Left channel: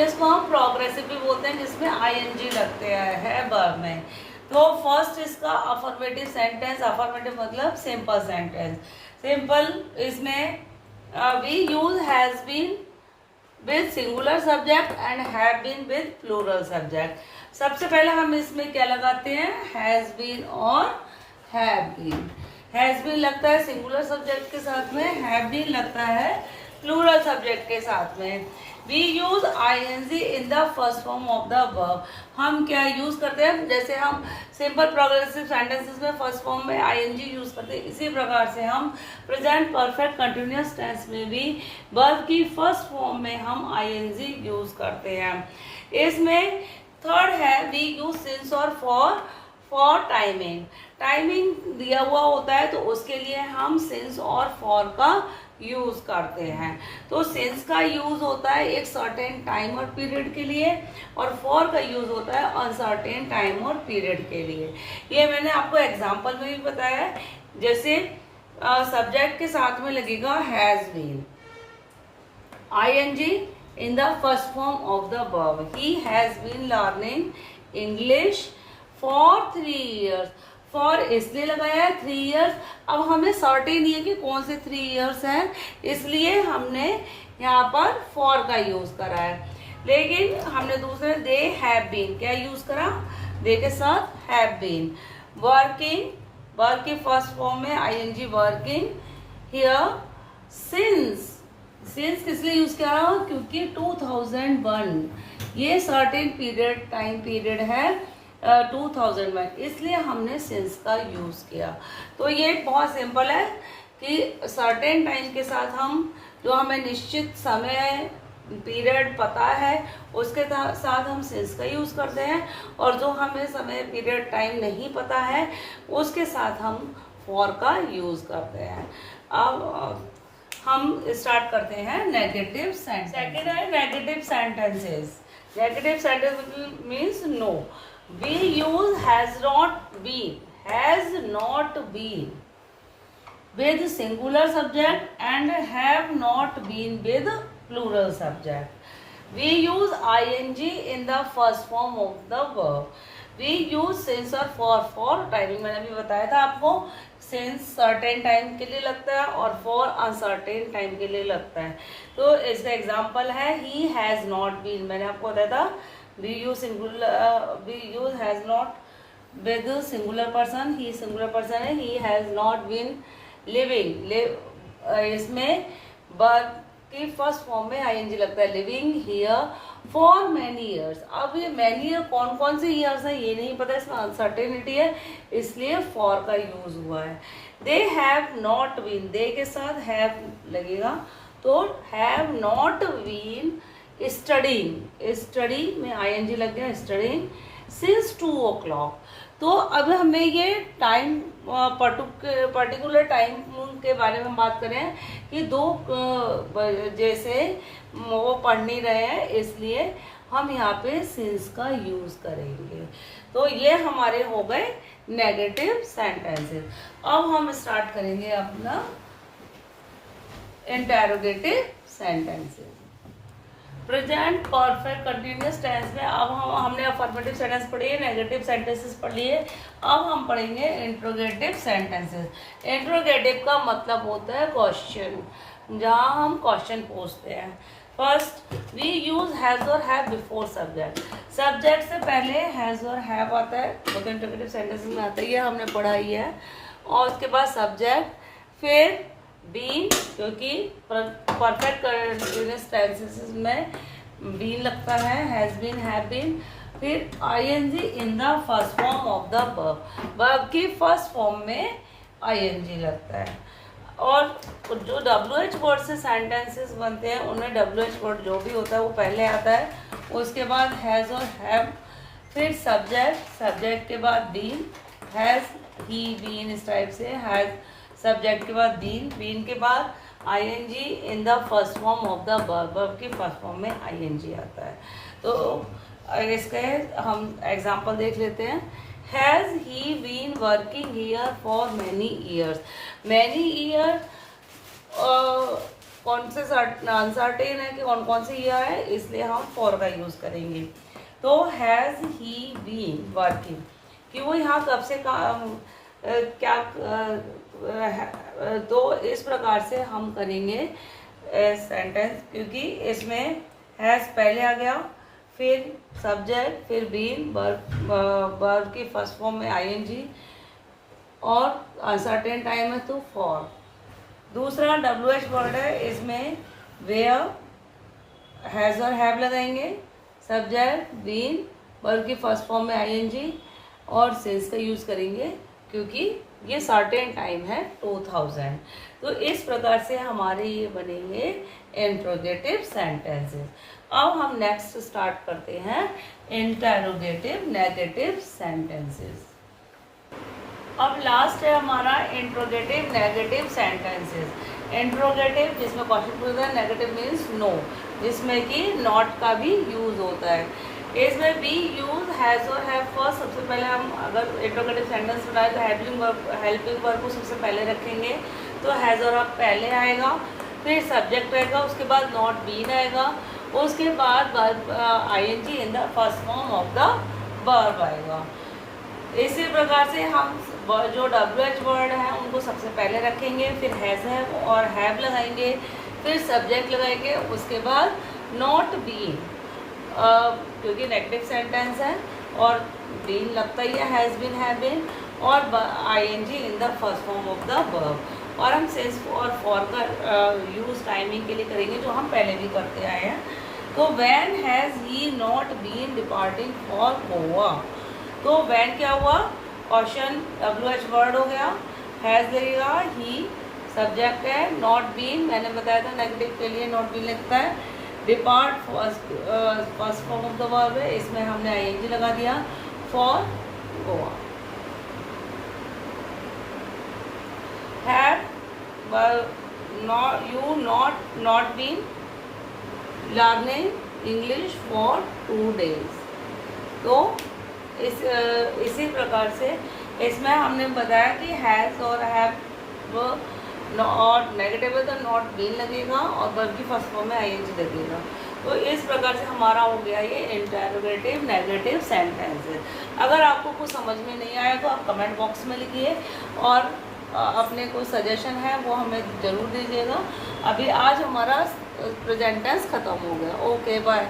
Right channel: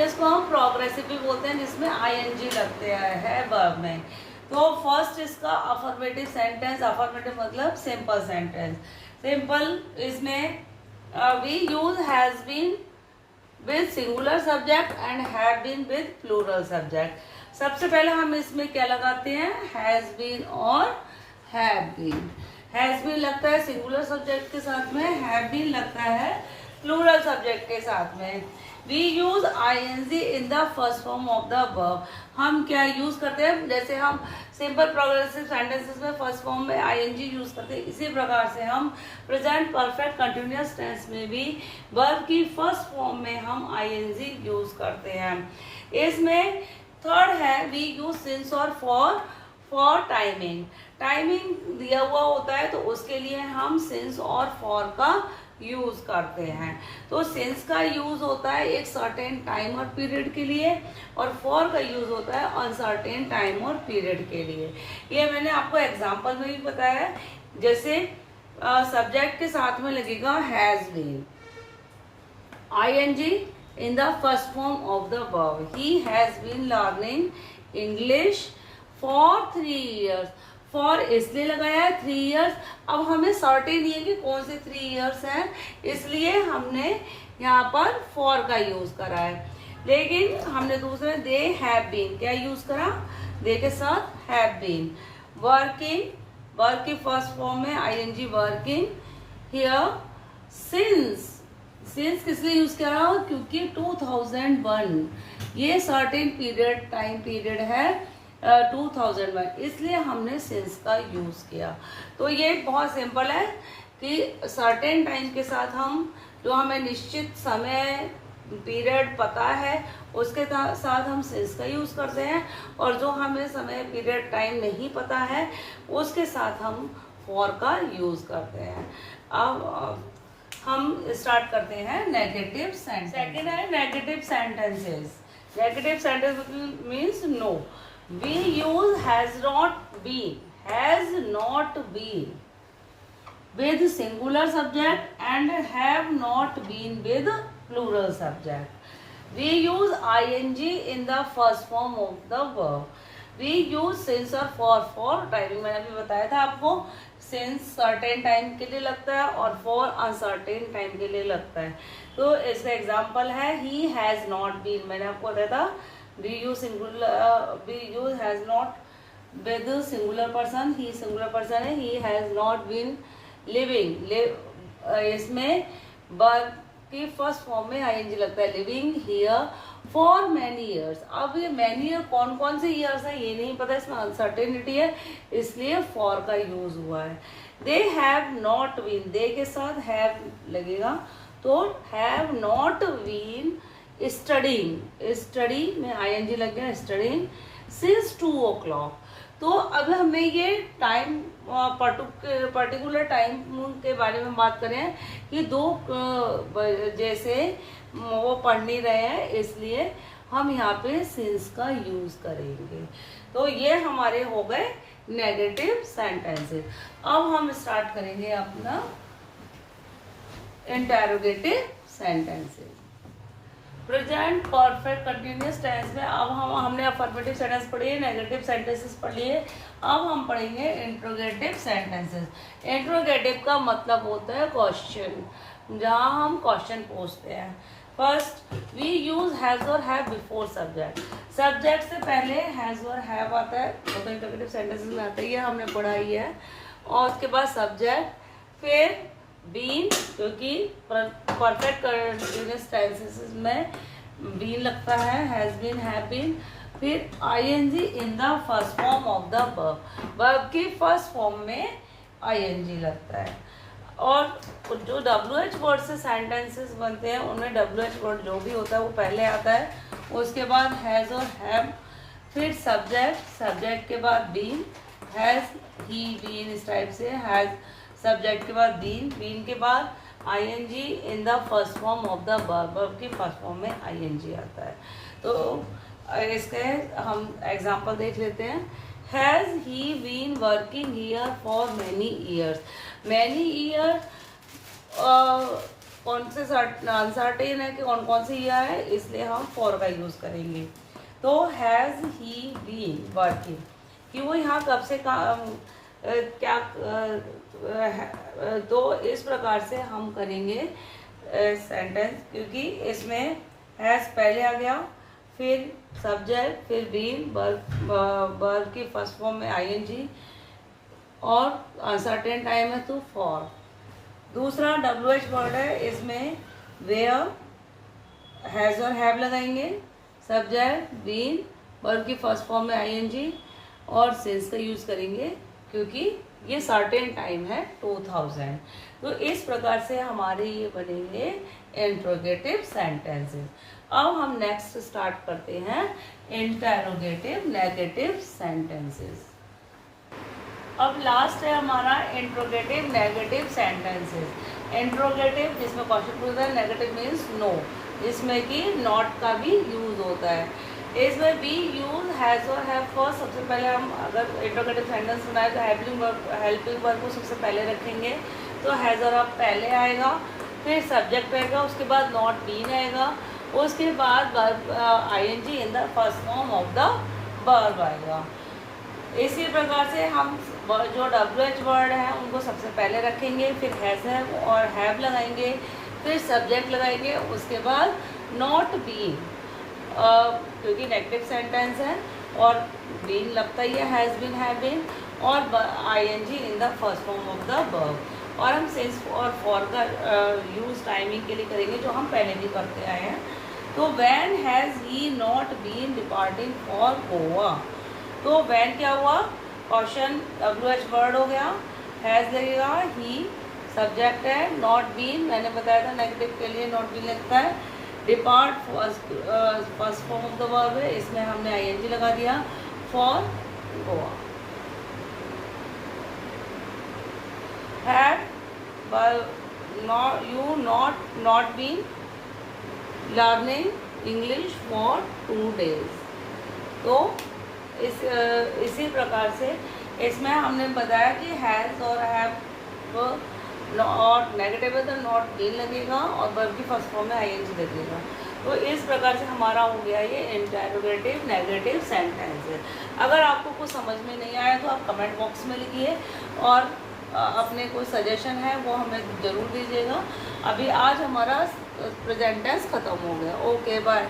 Continuous को हम progressive भी बोलते हैं, जिसमें आईएनजी लगते हैं वर्ब में। तो फर्स्ट इसका अफर्मेटिव सेंटेंस, अफर्मेटिव मतलब सिंपल सेंटेंस। सिंपल इसमें we use has been with singular subject and have been with plural subject. सबसे पहले हम इसमें क्या लगाते हैं, हैज बीन और हैव बीन। हैज बीन लगता है सिंगुलर सब्जेक्ट के साथ में, हैव बीन लगता है प्लूरल सब्जेक्ट के साथ में। We use ING in the first form of the verb. हम क्या यूज करते हैं, जैसे हम सिंपल प्रोग्रेसिव सेंटेंसेस में फर्स्ट फॉर्म में आईएनजी यूज करते हैं, इसी प्रकार से हम प्रेजेंट परफेक्ट कंटिन्यूअस टेंस में भी वर्ब की फर्स्ट फॉर्म में हम आईएनजी यूज करते हैं। इसमें थर्ड है वी यूज सिंस और फॉर टाइमिंग। टाइमिंग दिया हुआ होता है तो उसके लिए हम सिंस और फॉर का यूज करते हैं। तो सिंस का यूज होता है एक सर्टेन टाइम और पीरियड के लिए, और फॉर का यूज होता है अनसर्टेन टाइम और पीरियड के लिए। ये मैंने आपको एग्जांपल में भी बताया है। जैसे सब्जेक्ट के साथ में लगेगा has been, ING in the first form of the verb. He has been learning English for 3 years। For इसलिए लगाया है 3 years। अब हमें सर्टेन नहीं है कि कौन से 3 years हैं, इसलिए हमने यहाँ पर फॉर का यूज करा है। लेकिन हमने दूसरे दे हैव बीन क्या यूज करा, दे के साथ हैव बीन। वर्किंग, वर्क की फर्स्ट फॉर्म में ING working. Here since, since किस लिए यूज किया, क्योंकि 2001 ये सर्टेन पीरियड टाइम पीरियड है 2001, इसलिए हमने सिंस का यूज किया। तो ये बहुत सिंपल है कि सर्टेन टाइम के साथ हम जो हमें निश्चित समय पीरियड पता है उसके साथ हम सिंस का यूज करते हैं, और जो हमें समय पीरियड टाइम नहीं पता है उसके साथ हम फॉर का यूज करते हैं। अब हम स्टार्ट करते हैं नेगेटिव सेंटेंस। सेकंड है negative sentences. Negative sentence means no. We use has not been with singular subject and have not been with plural subject. We use ing in the first form of the verb. We use since और for timing मैंने अभी बताया था आपको। since certain time के लिए लगता है और for अनसर्टेन टाइम के लिए लगता है। तो इसका एग्जाम्पल है he has not been, मैंने आपको बताया था we use has not with singular person, he singular person है, he has not been living। इसमें वर्ब की फर्स्ट फॉर्म में आईएनजी लगता है, living here for many years. अब ये मैनी ईयर कौन कौन से ईयर्स है ये नहीं पता, इसमें अनसर्टेनिटी है इसलिए फॉर का यूज हुआ है। They have not been, they के साथ हैव लगेगा तो have not been studying, study में आईएनजी लग गया, स्टडीइंग सिंस 2 o'clock। तो अब हमें ये टाइम पर्टिकुलर टाइम के बारे में बात करें कि 2 जैसे वो पढ़ नहीं रहे हैं इसलिए हम यहाँ पे सिंस का यूज करेंगे। तो ये हमारे हो गए नेगेटिव सेंटेंसेस। अब हम स्टार्ट करेंगे अपना interrogative sentences. Present perfect continuous tense में अब हमने अफर्मेटिव सेंटेंस पढ़ी है, नेगेटिव सेंटेंसेस पढ़ लिए। अब हम पढ़ेंगे इंट्रोगेटिव सेंटेंसेस। इंट्रोगेटिव का मतलब होता है क्वेश्चन, जहाँ हम क्वेश्चन पूछते हैं। फर्स्ट वी यूज हैज और हैव बिफोर सब्जेक्ट। सब्जेक्ट से पहले हैज और हैव आता है, वो तो इंट्रोगेटिव सेंटेंसेस में आता ही है, हमने पढ़ा ही है। और उसके बाद सब्जेक्ट, फिर बीन, क्योंकि परफेक्ट कंटिन्यूअस टेंसेस में बीन लगता है, हैज बीन, हैव बीन। फिर ING in the first form of the verb, verb की फर्स्ट फॉर्म में आईएनजी लगता है। और जो WH वर्ड से सेंटेंसेस बनते हैं उनमें WH वर्ड जो भी होता है वो पहले आता है, उसके बाद हैज और हैव, फिर सब्जेक्ट, सब्जेक्ट के बाद बीन, हैज, ही, बीन, इस टाइप से हैज, सब्जेक्ट के बाद बीन, बीन के बाद ING in the first form of the verb, verb की फर्स्ट फॉर्म में आईएनजी आता है। तो इसके हम एग्जांपल देख लेते हैं। Has he been working here for many years. Many year कौन से अनसर्टेन है कि कौन कौन सी ईयर है, इसलिए हम फॉर का यूज करेंगे। तो हैज ही बीन वर्किंग, कि वो यहाँ कब से क्या तो इस प्रकार से हम करेंगे सेंटेंस, क्योंकि इसमें हैज पहले आ गया, फिर सब्जेक्ट, फिर बीन, वर्ब की फर्स्ट फॉर्म में आईएनजी, और अनसर्टेन टाइम है तो फॉर। दूसरा WH वर्ड है, इसमें वेयर, हैज और हैव लगाएंगे, सब्जेक्ट, बीन, वर्ब की फर्स्ट फॉर्म में आईएनजी, और सिंस का यूज करेंगे क्योंकि ये सर्टेन टाइम है 2000। तो इस प्रकार से हमारे ये बनेंगे इंट्रोगेटिव सेंटेंसेस। अब हम नेक्स्ट स्टार्ट करते हैं इंटेरोगेटिव नेगेटिव सेंटेंसेस। अब लास्ट है हमारा इंट्रोगेटिव नेगेटिव सेंटेंसेस। इंट्रोगेटिव जिसमें क्वेश्चन पूछता है, नेगेटिव मीन्स नो, जिसमें कि नॉट का भी यूज होता है। इसमें वी यूज हैज और हैव फर्स्ट। सबसे पहले हम अगर इंट्रोगेटिव सेंटेंस बनाए तो हेल्पिंग वर्ब को सबसे पहले रखेंगे, तो हैज और हैव पहले आएगा, फिर सब्जेक्ट आएगा, उसके बाद नॉट बीन आएगा, उसके बाद verb ING in the first form of the verb आएगा। इसी प्रकार से हम जो WH वर्ड है उनको सबसे पहले रखेंगे, फिर हैज हैव और हैव लगाएंगे, फिर सब्जेक्ट लगाएंगे, उसके बाद नॉट बीन, क्योंकि नेगेटिव सेंटेंस है और बीन लगता ही है, हैज बीन, हैव बीन, और ING in the first form of the verb. और हम सिंस और फॉर का यूज टाइमिंग के लिए करेंगे, जो हम पहले भी करते आए हैं। तो when has he not been departing for Goa, तो व्हेन क्या हुआ, क्वेश्चन WH वर्ड हो गया, हैज लगेगा, ही सब्जेक्ट है, नॉट बीन मैंने बताया था नेगेटिव के लिए नॉट बीन लगता है, depart first form of the verb है, इसमें हमने आईएनजी लगा दिया, for Goa. Had you not been learning English for 2 days। तो इसी प्रकार से इसमें हमने बताया कि हैज़ और हैव नॉट नेगेटिव है तो नॉट बीन लगेगा और वर्ब की फर्स्ट फॉर्म में आईएनजी लगेगा। तो इस प्रकार से हमारा हो गया ये इंटेरोगेटिव नेगेटिव सेंटेंस है। अगर आपको कुछ समझ में नहीं आया तो आप कमेंट बॉक्स में लिखिए और अपने कोई सजेशन है वो हमें ज़रूर दीजिएगा। अभी आज हमारा प्रेजेंट टेंस ख़त्म हो गया। Okay bye.